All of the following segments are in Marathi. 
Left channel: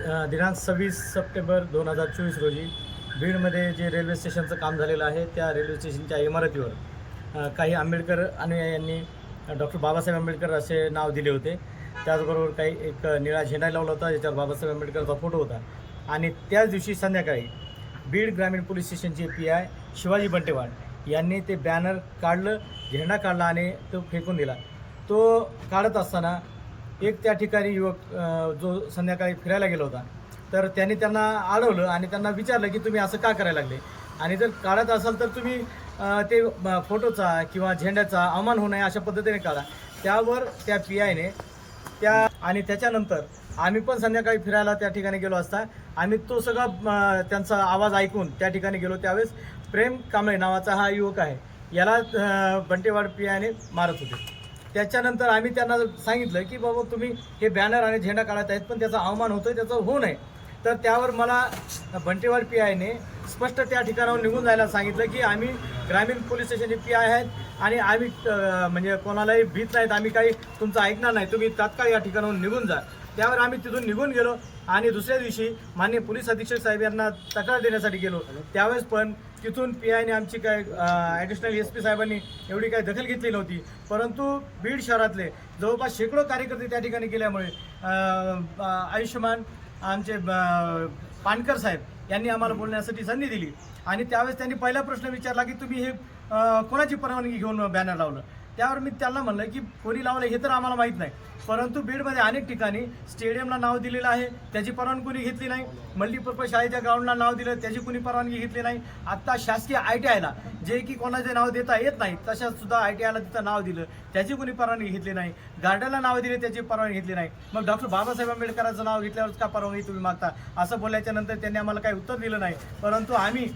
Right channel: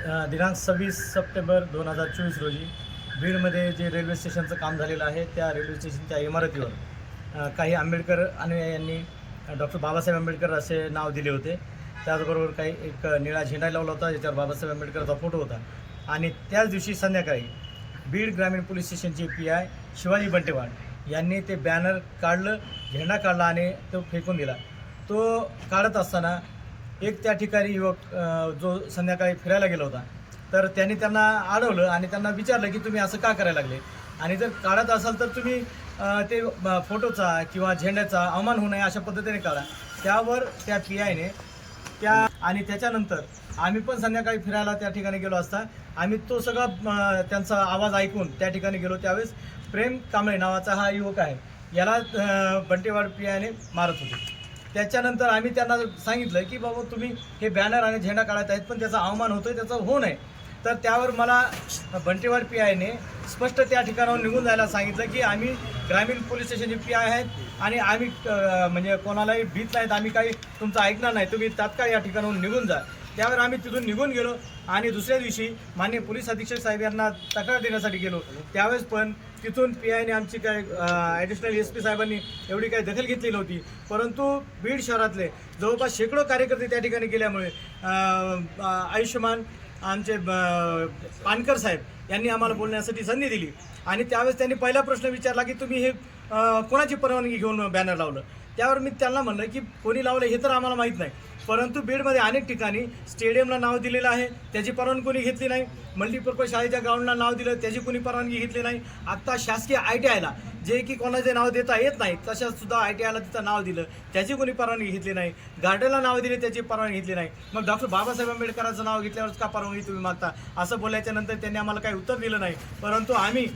दिनांक सव्वीस सप्टेंबर दोन हजार चोवीस रोजी बीडमध्ये जे रेल्वे स्टेशनचं काम झालेलं आहे त्या रेल्वे स्टेशनच्या इमारतीवर काही आंबेडकर अनुयायांनी डॉक्टर बाबासाहेब आंबेडकर असे नाव दिले होते. त्याचबरोबर काही एक निळा झेंडा लावला होता ज्याच्यावर बाबासाहेब आंबेडकरचा फोटो होता. आणि त्याच दिवशी संध्याकाळी बीड ग्रामीण पोलीस स्टेशनचे पी आय शिवाजी बंटेवाड यांनी ते बॅनर काढलं झेंडा काढला आणि तो फेकून दिला. तो काढत असताना एक त्या ठिकाणी युवक जो संध्याकाळी फिरायला गेला होता तर त्यांनी त्यांना अडवलं आणि त्यांना विचारलं की तुम्ही असं का करायला लागले? आणि जर काढत असाल तर तुम्ही ते फोटोचा किंवा झेंड्याचा अवमान होऊ नये अशा पद्धतीने काढा. त्यावर त्या पी आयने त्या आणि त्याच्यानंतर आम्ही पण संध्याकाळी फिरायला त्या ठिकाणी गेलो असता. आम्ही तो सगळा त्यांचा आवाज ऐकून त्या ठिकाणी गेलो. त्यावेळेस प्रेम कांबळे नावाचा हा युवक आहे. याला बंटेवाड पी आयने मारत होते. त्याच्यानंतर आम्ही त्यांना सांगितलं की बाबा तुम्ही हे बॅनर आणि झेंडा काढत आहेत पण त्याचा अवमान होतोय त्याचं होऊ नये. तर त्यावर मला बंटेवाड पी आयने स्पष्ट त्या ठिकाणावर निघून जायला सांगितलं की आम्ही ग्रामीण पोलीस स्टेशनचे पी आय आहेत आणि आम्ही म्हणजे कोणालाही भीत नाहीत आम्ही काही तुमचं ऐकणार नाही. तुम्ही तात्काळ या ठिकाणाहून निघून जा. त्यावर आम्ही तिथून निघून गेलो आणि दुसऱ्या दिवशी मान्य पोलीस अधीक्षक साहेब यांना तक्रार देण्यासाठी गेलो. त्यावेळेस पण तिथून पी आयने आमची काय ॲडिशनल एस पी साहेबांनी एवढी काही दखल घेतली नव्हती. परंतु बीड शहरातले जवळपास शेकडो कार्यकर्ते त्या ठिकाणी गेल्यामुळे आयुष्यमान आमचे पानकर साहेब यांनी आम्हाला बोलण्यासाठी संधी दिली. आणि त्यावेळेस त्यांनी पहिला प्रश्न विचारला की तुम्ही हे कोणाची परवानगी घेऊन बॅनर लावलं? त्यावर मी त्यांना म्हणलं की कोणी लावलं हे तर आम्हाला माहीत नाही. परंतु बीडमध्ये अनेक ठिकाणी स्टेडियमला नाव दिलेलं आहे. त्याची परवानगी कोणी घेतली नाही. मल्टीपर्पज शाळेच्या ग्राउंडला नाव दिलं. त्याची कोणी परवानगी घेतली नाही. आत्ता शासकीय आय टी आयला जे की कोणाचे नाव देता येत नाही तशाच सुद्धा आय टी आयला तिथं नाव दिलं. त्याची कोणी परवानगी घेतली नाही. गार्डनला नाव दिले त्याची परवानगी घेतली नाही. मग डॉक्टर बाबासाहेब आंबेडकरांचं नाव घेतल्यावरच का परवानगी तुम्ही मागता? असं बोलल्याच्या नंतर त्यांनी आम्हाला काही उत्तर दिलं नाही. परंतु आम्ही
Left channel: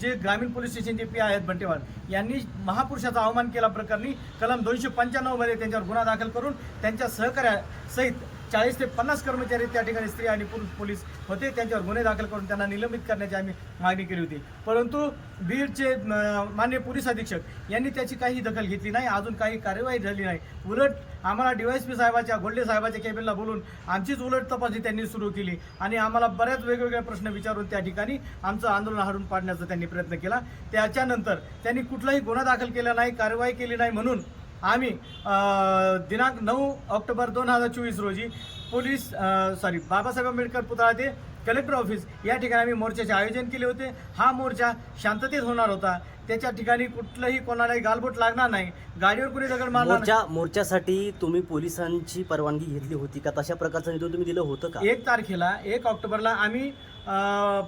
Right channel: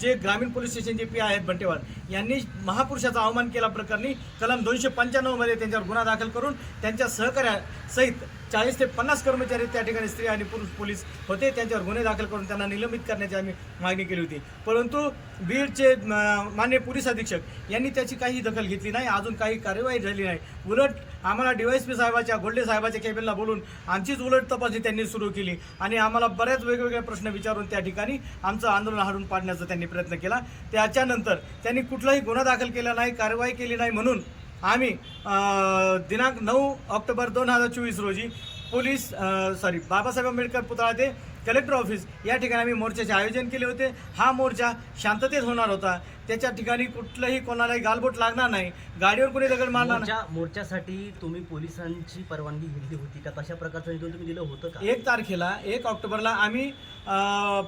जे ग्रामीण पोलीस स्टेशनचे पी आहेत बंटेवाल यांनी महापुरुषाचा अवमान केला प्रकरणी कलम दोनशे पंच्याण्णवमध्ये त्यांच्यावर गुन्हा दाखल करून त्यांच्या सहकार्यासहित चाळीस ते पन्नास कर्मचारी त्या ठिकाणी स्त्री आणि पुरुष पोलीस होते. त्यांच्यावर गुन्हे दाखल करून त्यांना निलंबित करण्याची आम्ही मागणी केली होती. परंतु बीडचे अं, मान्य पोलीस अधीक्षक यांनी त्याची काही दखल घेतली नाही. अजून काही कार्यवाही झाली नाही. उलट आम्हाला डीवायसपी साहेबाच्या गोल्डे साहेबाच्या केबिनला बोलून आमचीच उलट तपासणी त्यांनी सुरू केली आणि आम्हाला बऱ्याच वेगवेगळे प्रश्न विचारून त्या ठिकाणी आमचं आंदोलन हाडून पाडण्याचा त्यांनी प्रयत्न केला. त्याच्यानंतर त्यांनी कुठलाही गुन्हा दाखल केला नाही कारवाई केली नाही म्हणून आम्ही दिनांक नऊ ऑक्टोबर दोन हजार चोवीस रोजी पोलीस सॉरी बाबासाहेब आंबेडकर पुतळा ते कलेक्टर ऑफिस या ठिकाणी आम्ही मोर्चाचे आयोजन केले होते. हा मोर्चा शांततेत होणार होता. त्याच्या ठिकाणी कुठलंही कोणालाही गालबोट लागणार नाही. गाडीवर कोणी दगड मारणार नाही. मोर्चा मोर्चासाठी तुम्ही पोलिसांची परवानगी घेतली होती का? तशा प्रकारचं निवेदन तुम्ही दिलं होतं का? एक तारखेला एक ऑक्टोबरला आम्ही अ,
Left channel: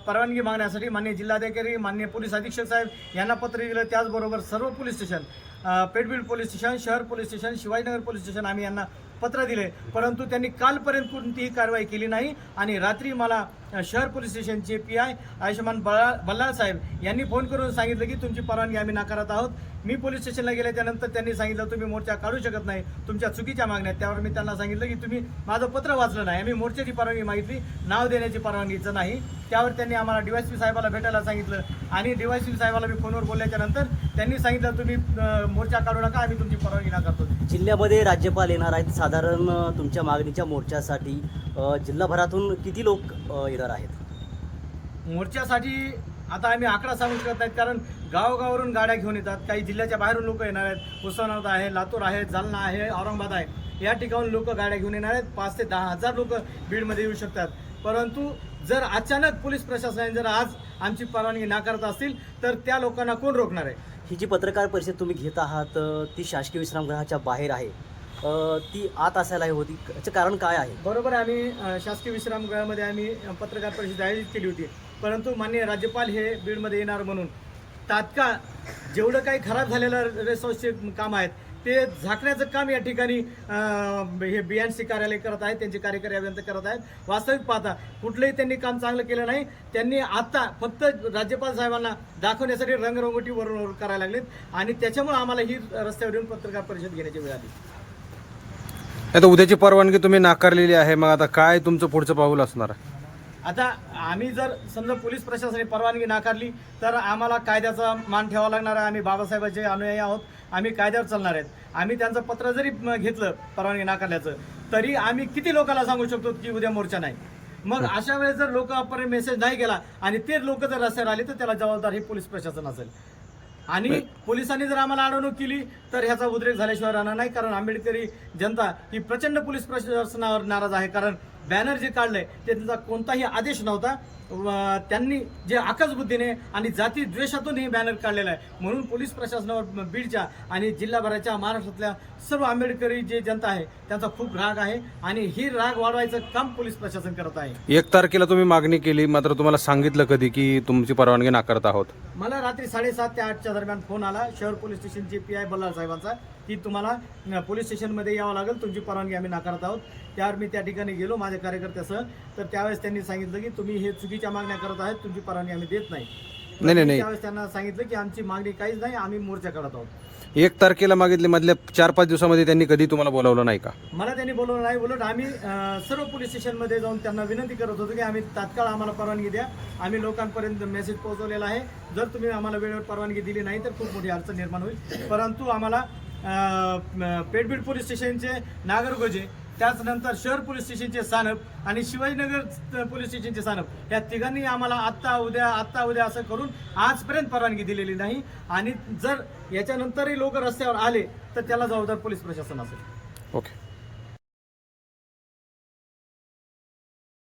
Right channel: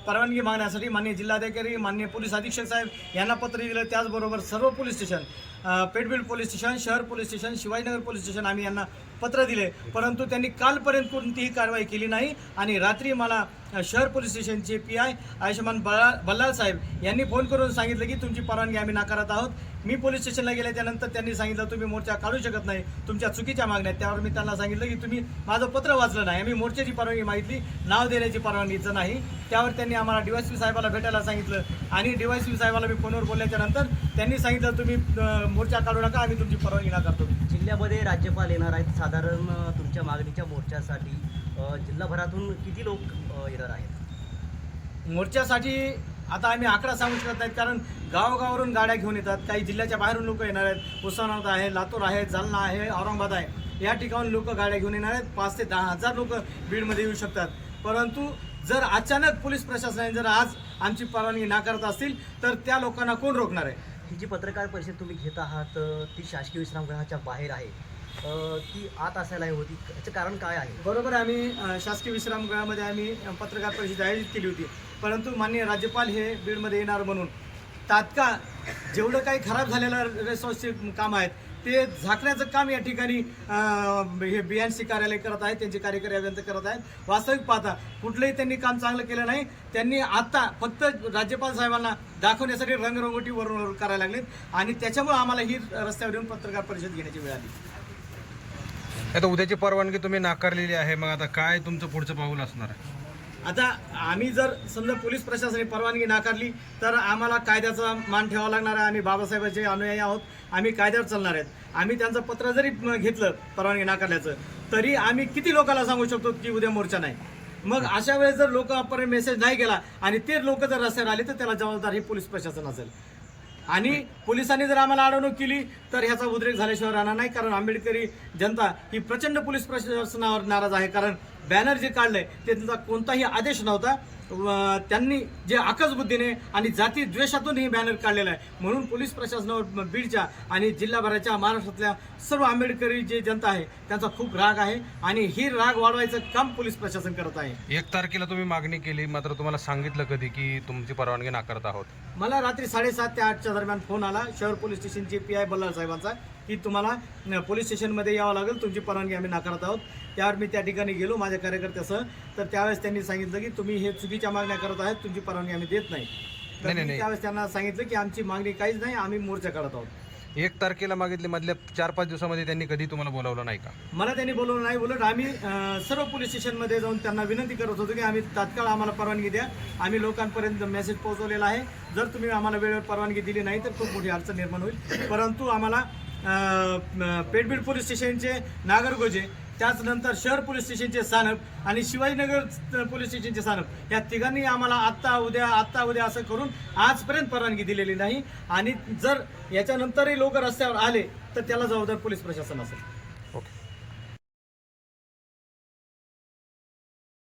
परवानगी मागण्यासाठी माननीय जिल्हाधिकारी माननीय पोलीस अधीक्षक साहेब यांना पत्र दिलं. त्याचबरोबर सर्व पोलीस स्टेशन अ, पेठबीड पोलीस स्टेशन शहर police station Shivajinagar police station आम्ही यांना पत्र दिले. परंतु त्यांनी कालपर्यंत कोणतीही कारवाई केली नाही. आणि रात्री मला शहर पोलीस स्टेशनचे पी आय आयुष्यमान बल्ला बल्लाळ साहेब यांनी फोन करून सांगितलं की तुमची परवानगी आम्ही नाकारत आहोत. मी पोलीस स्टेशनला गेल्याच्यानंतर त्यांनी सांगितलं तुम्ही मोर्चा काढू शकत नाही तुमच्या चुकीच्या मागण्या. त्यावर मी त्यांना सांगितलं की तुम्ही माझं पत्र वाचलं नाही आम्ही मोर्चाची परवानगी मागितली नाव देण्याची परवानगीचं नाही. त्यावर त्यांनी आम्हाला डीवायसपी साहेबाला भेटायला सांगितलं आणि डीवायसपी साहेबाला मी फोनवर बोलल्याच्या नंतर त्यांनी सांगितलं तुम्ही मोर्चा काढू नका आम्ही तुमची परवानगी नाकारतो. जिल्ह्यामध्ये राज्यपाल येणार आहेत साधारण तुमच्या मागणीच्या मोर्चासाठी जिल्हाभरातून किती लोक येणार आहेत? मोर्चासाठी आता आम्ही आकडा सांगू शकत नाहीत कारण गावगावरून गाड्या घेऊन येतात. काही जिल्ह्याच्या बाहेरून लोक येणार आहेत. उस्मानाबाद आहे लातूर आहे जालना आहे औरंगाबाद आहे. या ठिकाणून लोक गाड्या घेऊन येणार आहेत. पाच ते दहा हजार लोक बीडमध्ये येऊ शकतात. परंतु जर अचानक पोलीस प्रशासनाने जर आज आमची परवानगी नाकारत असतील तर त्या लोकांना कोण रोखणार आहे? ही जी पत्रकार परिषद तुम्ही घेत आहात ती शासकीय विश्रामगृहाच्या बाहेर आहे. ती आत असायला होती. याचं कारण काय आहे? बरोबर आम्ही शासकीय विश्रामगृहामध्ये आम्ही पत्रकार परिषद आयोजित केली होती. परंतु माननीय राज्यपाल हे बीडमध्ये येणार म्हणून तात्काळ जेवढं काही खराब झालेलं रेसॉर्सचे काम आहेत ते झाकण्याचं काम या ठिकाणी हे बी एन सी कार्यालय करत आहेत त्यांचे कार्यकारी अभियंता करत आहेत. वास्तविक पाहता कुठलंही त्यांनी काम चांगलं केलं नाही. त्यांनी आता फक्त राज्यपाल साहेबांना दाखवण्यासाठी रंगरंगोटी वरून करायला लागलीत. आणि त्याच्यामुळे आम्हाला ही रस्त्यावर येऊन पत्रकार परिषद घेण्याची वेळ आली. आता उद्याची परवानगी तुम्ही नाकारलेली आहे. मग आता काय तुमचं पुढचं पाऊल असणार आहे? आता आम्ही जर समजा पोलीस प्रशासनाने परवानगी नाकारली तर आम्हाला कायद्याचा मान ठेवावा लागणार आहे. आम्ही बाबासाहेबांचे अनुयायी आहोत. आम्ही कायद्यावर चालणार आहेत. आम्ही त्यांचं पत्र जरी घेतलं परवानगी नाकारल्याचं तरी आम्ही किती लोकांना सांगू शकतो की उद्या मोर्चा नाही? मग अशा वेळेस जर लोकांपर्यंत मेसेज नाही गेला आणि ते लोक जर रस्त्यावर आले तर त्याला जबाबदार हे पोलीस प्रशासन असेल. आणि पोलिसांनी जर आम्हाला अडवणूक केली तर ह्याचा उद्रेक झाल्याशिवाय राहणार नाही कारण आंबेडकरी जनता ही प्रचंड पोलीस प्रशासनावर नाराज आहे. कारण बॅनर जे काढलंय ते त्यांचा कोणताही आदेश नव्हता. त्यांनी जे आकस बुद्धीने आणि जाती द्वेषातून हे बॅनर काढलेलं आहे. म्हणून पोलीस प्रशासनावर बीडच्या आणि जिल्हाभराच्या महाराष्ट्रातल्या सर्व आंबेडकरी जे जनता आहे त्यांचा खूप राग आहे. आणि ही राग वाढवायचं काम पोलीस प्रशासन करत आहे. एक तारखेला तुम्ही मागणी केली मात्र तुम्हाला सांगितलं कधी की तुमची परवानगी नाकारत आहोत? मला रात्री साडेसात ते आठच्या दरम्यान फोन आला. शहर पोलीस स्टेशनचे पी आय बल्लाळ साहेबांचा. की तुम्हाला पोलीस स्टेशनमध्ये यावं लागेल तुमची परवानगी आम्ही नाकारत आहोत. त्यावर मी त्या ठिकाणी गेलो माझ्या कार्यकर्त्यासह. तर त्यावेळेस त्यांनी सांगितलं की तुम्ही हे चुकीच्या मागण्या करत आहात तुमची परवानगी आम्ही देत नाही. त्यावेळेस त्यांना सांगितलं की आमची मागणी काहीच नाही आम्ही मोर्चा करत आहोत. एक तारखेला मागितले मधल्या चार पाच दिवसामध्ये त्यांनी कधी तुम्हाला बोलावलं नाही का? मला त्यांनी बोलवलं नाही उलट आम्ही अं, सर्व पोलीस स्टेशनमध्ये जाऊन त्यांना विनंती करत होतो की आम्ही तात्काळ आम्हाला परवानगी द्या. आम्ही लोकांपर्यंत मेसेज पोहोचवलेला आहे. जर तुम्ही आम्हाला वेळेवर परवानगी दिली नाही तर खूप मोठी अडचण निर्माण होईल. परंतु आम्हाला अं, पेठबीड पोलीस स्टेशनचे नागरगोजे त्याचनंतर शहर पोलीस स्टेशनचे सानप आणि शिवाजीनगर पोलीस स्टेशनचे सानप. या तिघांनी आम्हाला आत्ता उद्या आत्ता उद्या असं करून आजपर्यंत परवानगी दिलेली नाही. आणि जर याच्यानंतरही लोक रस्त्यावर आले तर त्याला जबाबदार पोलीस प्रशासन असेल.